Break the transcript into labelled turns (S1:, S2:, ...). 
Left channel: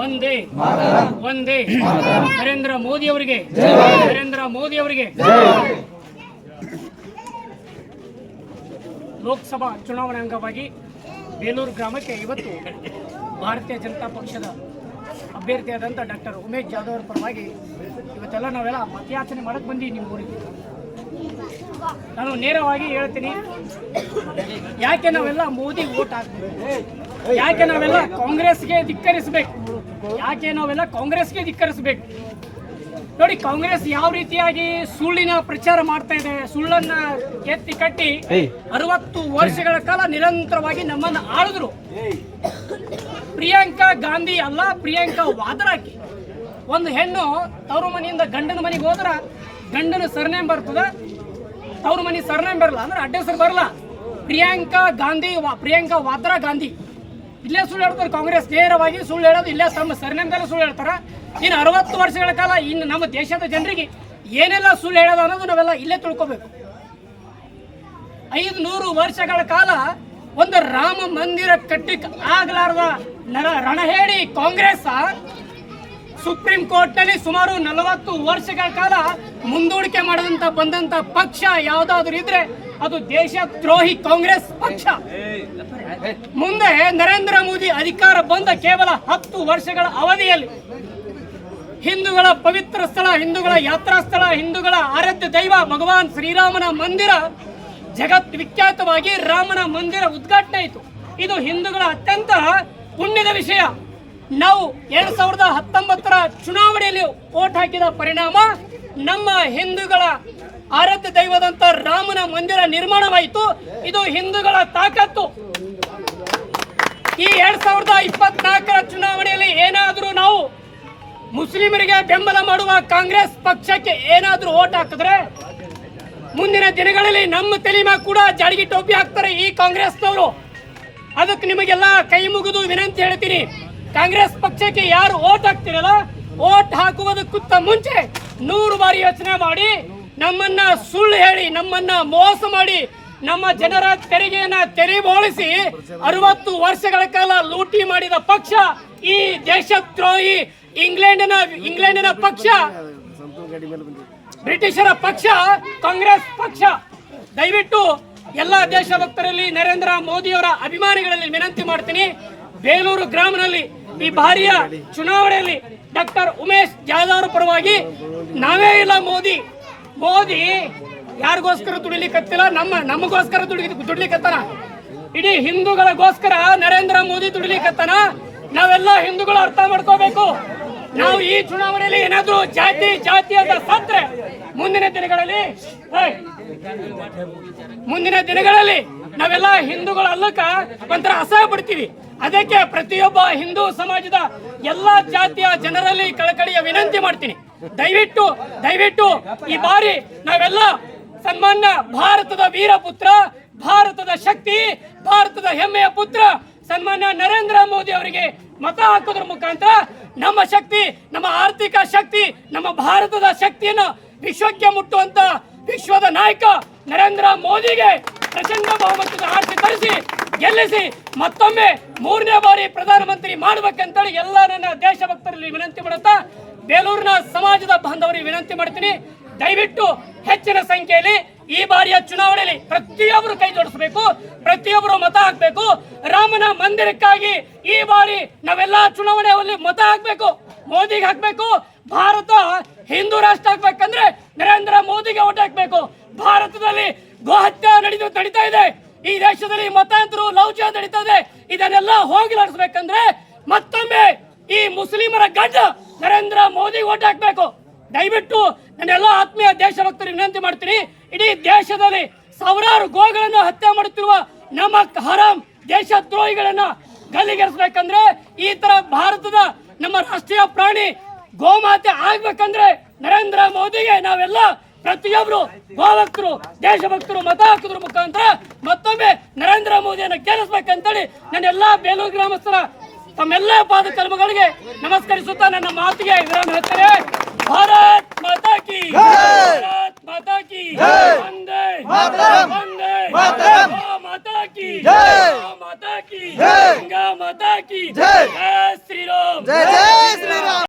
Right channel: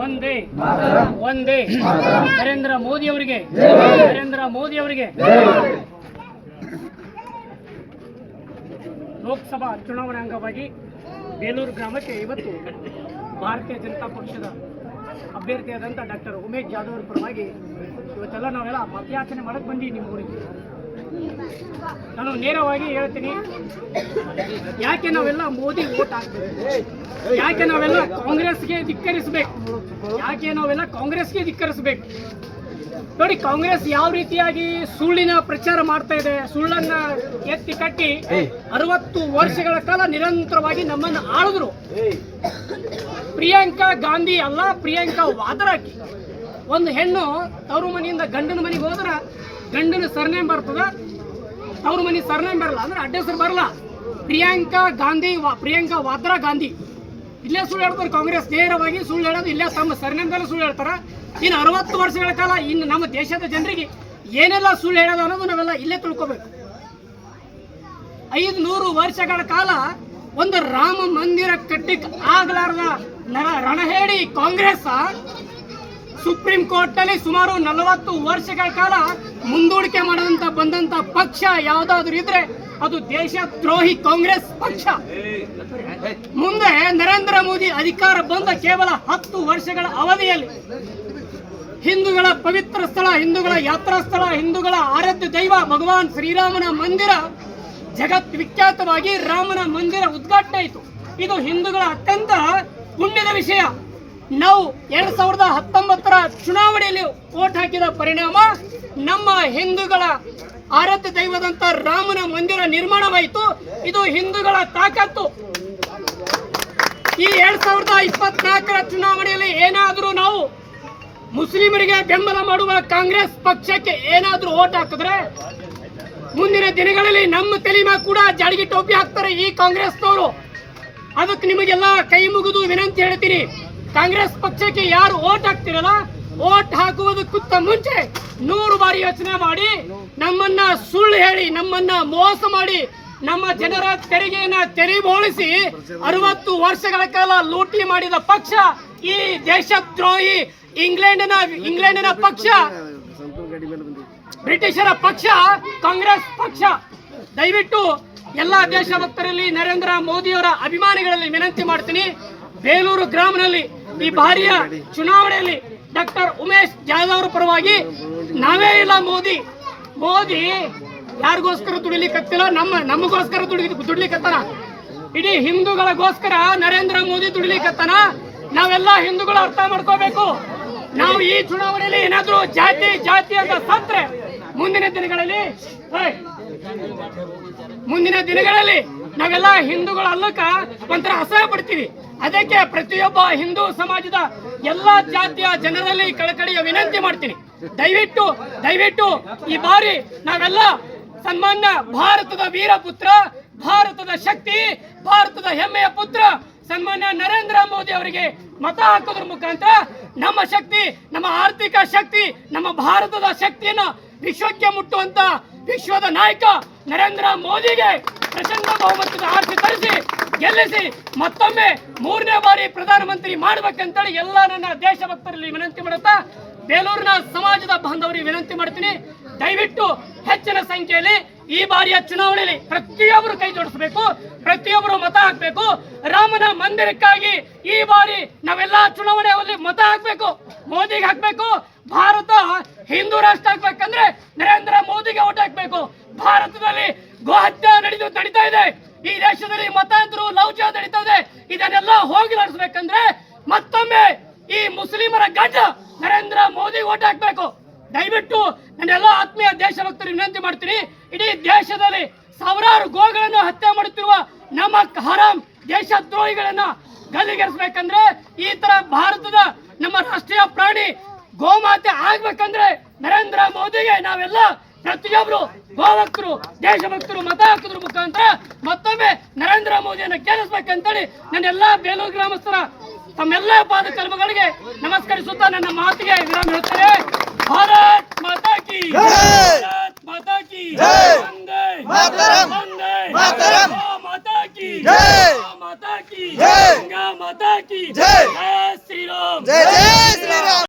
S1: ಒಂದೇ. ಒಂದೇ. ನರೇಂದ್ರ ಮೋದಿ ಅವರಿಗೆ. ನರೇಂದ್ರ ಮೋದಿ ಅವರಿಗೆ. ಲೋಕಸಭಾ ಚುನಾವಣೆ ಅಂಗವಾಗಿ ಬೇಲೂರು ಗ್ರಾಮಕ್ಕೆ ಇವತ್ತು ಭಾರತೀಯ ಜನತಾ ಪಕ್ಷದ ಅಭ್ಯರ್ಥಿಯಾದಂಥ ಡಾಕ್ಟರ್ ಉಮೇಶ್ ಜಾಧವ್ ಅವರ ಪರವಾಗಿ ಇವತ್ತೆಲ್ಲ ನಾವೆಲ್ಲ ಮತಯಾಚನೆ ಮಾಡಕ್ಕೆ ಬಂದೀವಿ ನಿಮ್ಮ ಊರಿಗೆ. ನಾನು ನೇರವಾಗಿ ಹೇಳ್ತೀನಿ. ಯಾಕೆ ನಾವೆಲ್ಲ ಮೋದಿ ಓಟ್ ಹಾಕ್ತೀವಿ ಯಾಕೆ ನಾವೆಲ್ಲ ಕಾಂಗ್ರೆಸ್ಗೆ ಧಿಕ್ಕರಿಸಬೇಕು? ಯಾಕೆ ನಾವೆಲ್ಲ ಕಾಂಗ್ರೆಸ್ಗೆ ಧಿಕ್ಕರಿಸಬೇಕು? ನೋಡಿ ಕಾಂಗ್ರೆಸ್ ಯಾವ ರೀತಿಯಾಗಿ ಸುಳ್ಳಿನ ಪ್ರಚಾರ ಮಾಡ್ತಾ ಇದೆ ಸುಳ್ಳನ್ನ ಎತ್ತಿ ಕಟ್ಟಿ ಅರವತ್ತು ವರ್ಷಗಳ ಕಾಲ ನಿರಂತರವಾಗಿ ನಮ್ಮನ್ನು ಆಳಿದ್ರು. ಪ್ರಿಯಾಂಕಾ ಗಾಂಧಿ ಅಲ್ಲ ಪ್ರಿಯಾಂಕಾ ವಾದ್ರಾಕಿ. ಒಂದು ಹೆಣ್ಣು ತವರು ಮನೆಯಿಂದ ಗಂಡನ ಮನೆಗೆ ಹೋದ್ರ ಗಂಡನ ಸರ್ನೇಮ್ ಬರ್ತದ? ಅವ್ರ ಮನೆ ಸರ್ನೇಮ್ ಬರಲ್ಲ ಅಂದ್ರೆ ಅಡ್ಡ ಹೆಸರು ಬರಲ್ಲ ಪ್ರಿಯಾಂಕಾ ಗಾಂಧಿ ಪ್ರಿಯಾಂಕಾ ವಾದ್ರಾ ಗಾಂಧಿ. ಇಲ್ಲೇ ಸುಳ್ಳು ಹೇಳ್ತಾರೆ ಕಾಂಗ್ರೆಸ್ ನೇರವಾಗಿ ಸುಳ್ಳು ಹೇಳೋದು, ಇಲ್ಲೇ ತಮ್ಮ ಸರ್ನೇಮ್ದಲ್ಲೇ ಸುಳ್ಳು ಹೇಳ್ತಾರೆ. ಇನ್ನು ಅರವತ್ತು ವರ್ಷಗಳ ಕಾಲ ಇನ್ನು ನಮ್ಮ ದೇಶದ ಜನರಿಗೆ ಏನೆಲ್ಲ ಸುಳ್ಳು ಹೇಳೋದು ಅನ್ನೋದು ನಾವೆಲ್ಲ ಇಲ್ಲೇ ತಿಳ್ಕೊಬೇಕು. ಐದು ನೂರು ವರ್ಷಗಳ ಕಾಲ ಒಂದು ರಾಮ ಮಂದಿರ ಕಟ್ಟಿಕ್ ಆಗಲಾರದ ರಣಹೇಡಿ ಕಾಂಗ್ರೆಸ್ ಸುಪ್ರೀಂ ಕೋರ್ಟ್ನಲ್ಲಿ ಸುಮಾರು ನಲವತ್ತು ವರ್ಷಗಳ ಕಾಲ ಮುಂದೂಡಿಕೆ ಮಾಡದಂತ ಬಂದಂತ ಪಕ್ಷ ಯಾವ್ದಾದ್ರು ಇದ್ರೆ ಅದು ದೇಶ ದ್ರೋಹಿ ಕಾಂಗ್ರೆಸ್ ಪಕ್ಷ. ಮುಂದೆ ನರೇಂದ್ರ ಮೋದಿ ಅಧಿಕಾರ ಬಂದ ಕೇವಲ ಹತ್ತು ವರ್ಷಗಳ ಅವಧಿಯಲ್ಲಿ ಹಿಂದೂಗಳ ಪವಿತ್ರ ಸ್ಥಳ, ಹಿಂದೂಗಳ ಯಾತ್ರಾ ಸ್ಥಳ, ಹಿಂದೂಗಳ ಆರಾಧ್ಯ ದೈವ ಭಗವಾನ್ ಶ್ರೀರಾಮನ ಮಂದಿರ ಜಗತ್ ವಿಖ್ಯಾತವಾಗಿ ರಾಮನ ಮಂದಿರ ಉದ್ಘಾಟನೆ ಇದು ಹಿಂದೂಗಳ ಅತ್ಯಂತ ಪುಣ್ಯದ ವಿಷಯ. ನಾವು ಎರಡ್ ಸಾವಿರದ ಹತ್ತೊಂಬತ್ತರ ಚುನಾವಣೆಯಲ್ಲಿ ಓಟ್ ಹಾಕಿದ ಪರಿಣಾಮ ನಮ್ಮ ಹಿಂದೂಗಳ ಆರಾಧ್ಯ ದೈವದಂತ ರಾಮನ ಮಂದಿರ ನಿರ್ಮಾಣವಾಯಿತು. ಇದು ಹಿಂದೂಗಳ ತಾಕತ್ತು. ಈ ಎರಡ್ ಸಾವಿರದ ಇಪ್ಪತ್ನಾಲ್ಕರ ಚುನಾವಣೆಯಲ್ಲಿ ಏನಾದರೂ ನಾವು ಮುಸ್ಲಿಮರಿಗೆ ಬೆಂಬಲ ಮಾಡುವ ಕಾಂಗ್ರೆಸ್ ಪಕ್ಷಕ್ಕೆ ಏನಾದರೂ ಓಟ್ ಹಾಕಿದ್ರೆ ಮುಂದಿನ ದಿನಗಳಲ್ಲಿ ನಮ್ಮ ತಲೆ ಮ್ಯಾಗ ಕೂಡ ಜಾಡಿಗೆ ಟೋಪಿ ಹಾಕ್ತಾರೆ ಈ ಕಾಂಗ್ರೆಸ್ನವರು. ಅದಕ್ಕೆ ನಿಮಗೆಲ್ಲ ಕೈ ಮುಗಿದು ವಿನಂತಿ ಹೇಳ್ತೀನಿ. ಕಾಂಗ್ರೆಸ್ ಪಕ್ಷಕ್ಕೆ ಯಾರು ಓಟ್ ಹಾಕ್ತಿರಲ್ಲ, ಓಟ್ ಹಾಕುವುದಕ್ಕಿಂತ ಮುಂಚೆ ನೂರು ಬಾರಿ ಯೋಚನೆ ಮಾಡಿ, ನಮ್ಮನ್ನ ಸುಳ್ಳು ಹೇಳಿ, ನಮ್ಮನ್ನ ಮೋಸ ಮಾಡಿ, ನಮ್ಮ ಜನರ ತೆರಿಗೆಯನ್ನ ತೆರಿಬೋಳಿಸಿ ಅರವತ್ತು ವರ್ಷಗಳ ಕಾಲ ಲೂಟಿ ಮಾಡಿದ ಪಕ್ಷ ಈ ದೇಶದ್ರೋಹಿ ಇಂಗ್ಲೆಂಡಿನ ಇಂಗ್ಲೆಂಡಿನ ಪಕ್ಷ. ಬ್ರಿಟಿಷರ ಪಕ್ಷ, ಕಾಂಗ್ರೆಸ್ ಪಕ್ಷ. ದಯವಿಟ್ಟು ಎಲ್ಲ ದೇಶಭಕ್ತರಲ್ಲಿ ನರೇಂದ್ರ ಮೋದಿಯವರ ಅಭಿಮಾನಿಗಳಲ್ಲಿ ವಿನಂತಿ ಮಾಡ್ತೀನಿ. ಬೇಲೂರು ಗ್ರಾಮದಲ್ಲಿ ಈ ಬಾರಿಯ ಚುನಾವಣೆಯಲ್ಲಿ ಡಾಕ್ಟರ್ ಉಮೇಶ್ ಜಾಧವ್ ಪರವಾಗಿ ನಾವೇ ಇಲ್ಲ ಮೋದಿ. ಮೋದಿ ಯಾರಿಗೋಸ್ಕರ ದುಡಿಲಿಕ್ಕತ್ತಿಲ್ಲ? ನಮ್ಮ, ನಮಗೋಸ್ಕರ ದುಡಿ, ದುಡ್ಲಿಕ್ಕತ್ತಾನ? ಇಡೀ ಹಿಂದೂಗಳಿಗೋಸ್ಕರ ನರೇಂದ್ರ ಮೋದಿ ದುಡಿಲಿಕ್ಕತ್ತಾನ? ನಾವೆಲ್ಲ ಹಿಂದೂಗಳು ಅರ್ಥ ಮಾಡ್ಕೋಬೇಕು. ನಾವು ಈ ಚುನಾವಣೆಯಲ್ಲಿ ಏನಾದ್ರೂ ಜಾತಿ ಜಾತಿ ಅಂತ ಸತ್ರೆ ಮುಂದಿನ ದಿನಗಳಲ್ಲಿ ಮುಂದಿನ ದಿನಗಳಲ್ಲಿ ನಾವೆಲ್ಲ ಹಿಂದೂಗಳ ಅಲ್ಲಕ ಒಂಥರ ಅಸಹ್ಯ ಪಡ್ತೀವಿ. ಅದಕ್ಕೆ ಪ್ರತಿಯೊಬ್ಬ ಹಿಂದೂ ಸಮಾಜದ ಎಲ್ಲಾ ಜಾತಿಯ ಜನರಲ್ಲಿ ಕಳಕಳಿಯ ವಿನಂತಿ ಮಾಡ್ತೀನಿ. ದಯವಿಟ್ಟು ದಯವಿಟ್ಟು ಈ ಬಾರಿ ನಾವೆಲ್ಲ ಸನ್ಮಾನ್ಯ ಭಾರತದ ವೀರಪುತ್ರ, ಭಾರತದ ಶಕ್ತಿ, ಭಾರತದ ಹೆಮ್ಮೆಯ ಪುತ್ರ ಸನ್ಮಾನ್ಯ ನರೇಂದ್ರ ಮೋದಿ ಅವರಿಗೆ ಮತ ಹಾಕೋದ್ರ ಮುಖಾಂತರ ನಮ್ಮ ಶಕ್ತಿ, ನಮ್ಮ ಆರ್ಥಿಕ ಶಕ್ತಿ, ನಮ್ಮ ಭಾರತದ ಶಕ್ತಿಯನ್ನು ವಿಶ್ವಕ್ಕೆ ಮುಟ್ಟುವಂತ ವಿಶ್ವದ ನಾಯಕ ನರೇಂದ್ರ ಮೋದಿಗೆ ಪ್ರಚಂಡ ಬಹುಮತದ ಆಸೆ ತರಿಸಿ, ಗೆಲ್ಲಿಸಿ, ಮತ್ತೊಮ್ಮೆ ಮೂರನೇ ಬಾರಿ ಪ್ರಧಾನಮಂತ್ರಿ ಮಾಡ್ಬೇಕಂತೇಳಿ ಎಲ್ಲ ನನ್ನ ದೇಶಭಕ್ತರಲ್ಲಿ ವಿನಂತಿ ಮಾಡುತ್ತಾ, ಬೇಲೂರಿನ ಸಮಾಜದ ಬಾಂಧವರಿಗೆ ವಿನಂತಿ ಮಾಡ್ತೀನಿ. ದಯವಿಟ್ಟು ಹೆಚ್ಚಿನ ಸಂಖ್ಯೆಯಲ್ಲಿ ಈ ಬಾರಿಯ ಚುನಾವಣೆಯಲ್ಲಿ ಪ್ರತಿಯೊಬ್ಬರು ಕೈ ಜೋಡಿಸಬೇಕು, ಪ್ರತಿಯೊಬ್ಬರು ಮತ ಹಾಕಬೇಕು. ರಾಮನ ಮಂದಿರಕ್ಕಾಗಿ ಈ ಬಾರಿ ನಾವೆಲ್ಲ ಚುನಾವಣೆಯಲ್ಲಿ ಮತ ಹಾಕಬೇಕು, ಮೋದಿಗೆ ಹಾಕಬೇಕು. ಭಾರತ ಹಿಂದೂ ರಾಷ್ಟ್ರ ಆಗ್ಬೇಕಂದ್ರೆ ನರೇಂದ್ರ ಮೋದಿಗೆ ಓಟ್ ಹಾಕ್ಬೇಕು. ಭಾರತದಲ್ಲಿ ಗೋಹತ್ಯೆ ನಡೆದು ನಡೀತಾ ಇದೆ. ಈ ದೇಶದಲ್ಲಿ ಮತಾಂತರು, ಲೌಚ ನಡೀತಾ ಇದೆ. ಇದನ್ನೆಲ್ಲ ಹೋಗಿಲಾಡಿಸ್ಬೇಕಂದ್ರೆ ಮತ್ತೊಮ್ಮೆ ಈ ಮುಸ್ಲಿಮರ ಗಡ್ಡ ನರೇಂದ್ರ ಮೋದಿ ಓಟ್ ಹಾಕ್ಬೇಕು. ದಯವಿಟ್ಟು ನನ್ನೆಲ್ಲ ಆತ್ಮೀಯ ದೇಶಭಕ್ತರಿಗೆ ವಿನಂತಿ ಮಾಡ್ತೀನಿ. ಇಡೀ ದೇಶದಲ್ಲಿ ಸಾವಿರಾರು ಗೋಗಳನ್ನು ಹತ್ಯೆ ಮಾಡುತ್ತಿರುವ ನಮ್ಮ ಹರಾಮ್ ದೇಶದ್ರೋಹಿಗಳನ್ನ ಗಲ್ಲಿಗೆರಿಸ್ಬೇಕಂದ್ರೆ ಈ ತರ ಭಾರತದ ನಮ್ಮ ರಾಷ್ಟ್ರೀಯ ಪ್ರಾಣಿ ಗೋಮಾತೆ ಆಗ್ಬೇಕಂದ್ರೆ ನರೇಂದ್ರ ಮೋದಿಗೆ ನಾವೆಲ್ಲ ಪ್ರತಿಯೊಬ್ರು ಗೋಭಕ್ತರು ದೇಶಭಕ್ತರು ಮತ ಹಾಕಿದ್ರ ಮುಖಾಂತರ ಮತ್ತೊಮ್ಮೆ ನರೇಂದ್ರ ಮೋದಿಯನ್ನು ಕೇಳಿಸ್ಬೇಕಂತೇಳಿ ನನ್ನ ಎಲ್ಲಾ ಬೇಲೂರು ಗ್ರಾಮಸ್ಥರ ತಮ್ಮೆಲ್ಲ ಪಾದ ಕರ್ಮಗಳಿಗೆ ನಮಸ್ಕರಿಸುತ್ತಾ ನನ್ನ ಮಾತಿಗೆ ವಿರಾಮ ಹೇಳ್ತಾರೆ ಭಾರತ್ ಮಾತಾ ಕಿ ಭಾರತ್ ಮಾತಾ ಕಿ ವಂದೇ ವಂದೇ ಗೋ ಮಾತಾ ಕಿ ಗೋ ಮಾತಾ ಕಿ ಗಂಗಾ ಮಾತಾ ಕಿ ಜೈ ಶ್ರೀರಾಮ್!